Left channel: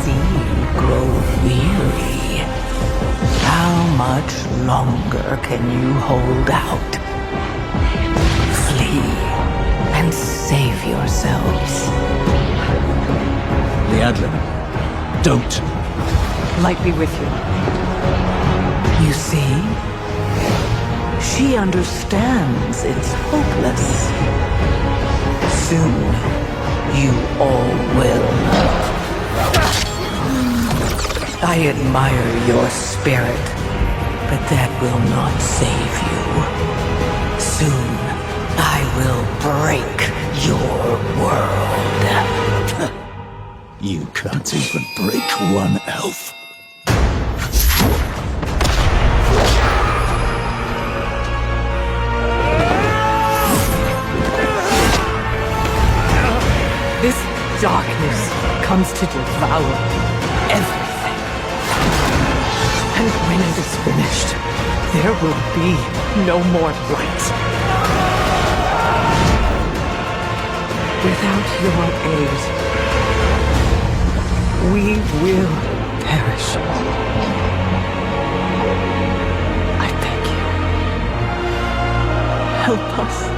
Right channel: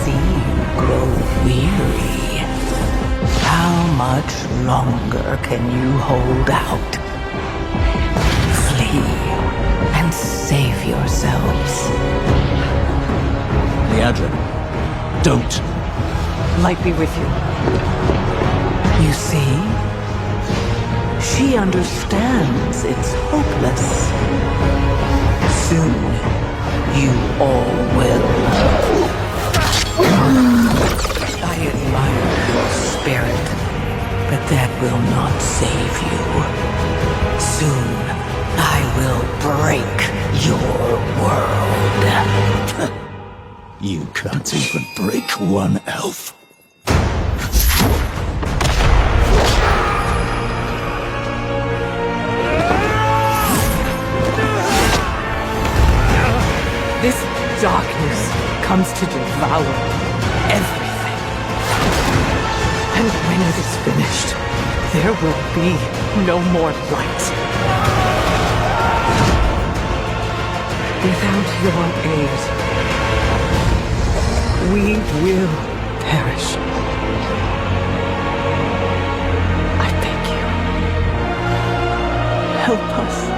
see you grow weary. How much longer can you hold out? Flee and save yourselves. Leadrin, don't. Light be with you. You see? She understands it's hopeless. Soon, you all will. I admire your spirit, but that will not save you. Soon, I will break your world. You can't even break one elf. This darkness comes to devour everything. And when it is finished, there will be no more light. Without your aid, we will perish. I beg you, help us.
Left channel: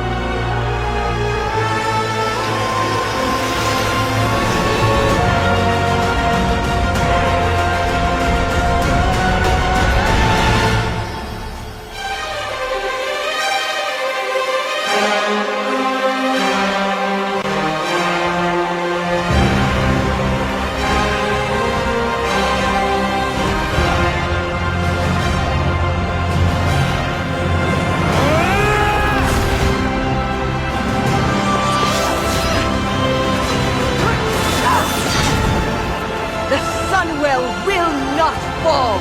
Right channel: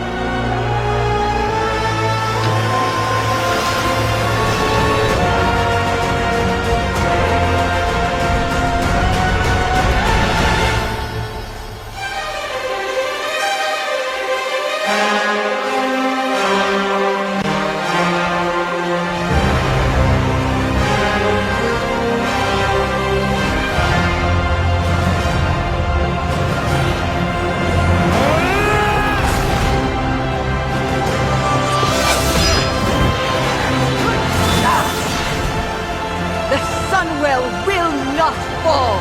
The Sunwell will not fall!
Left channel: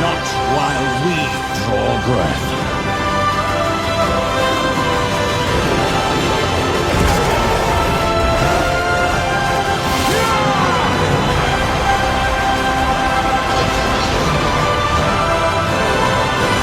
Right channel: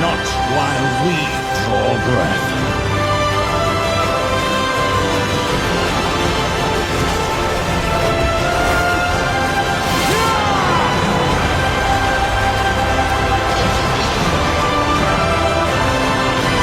Not while we draw breath.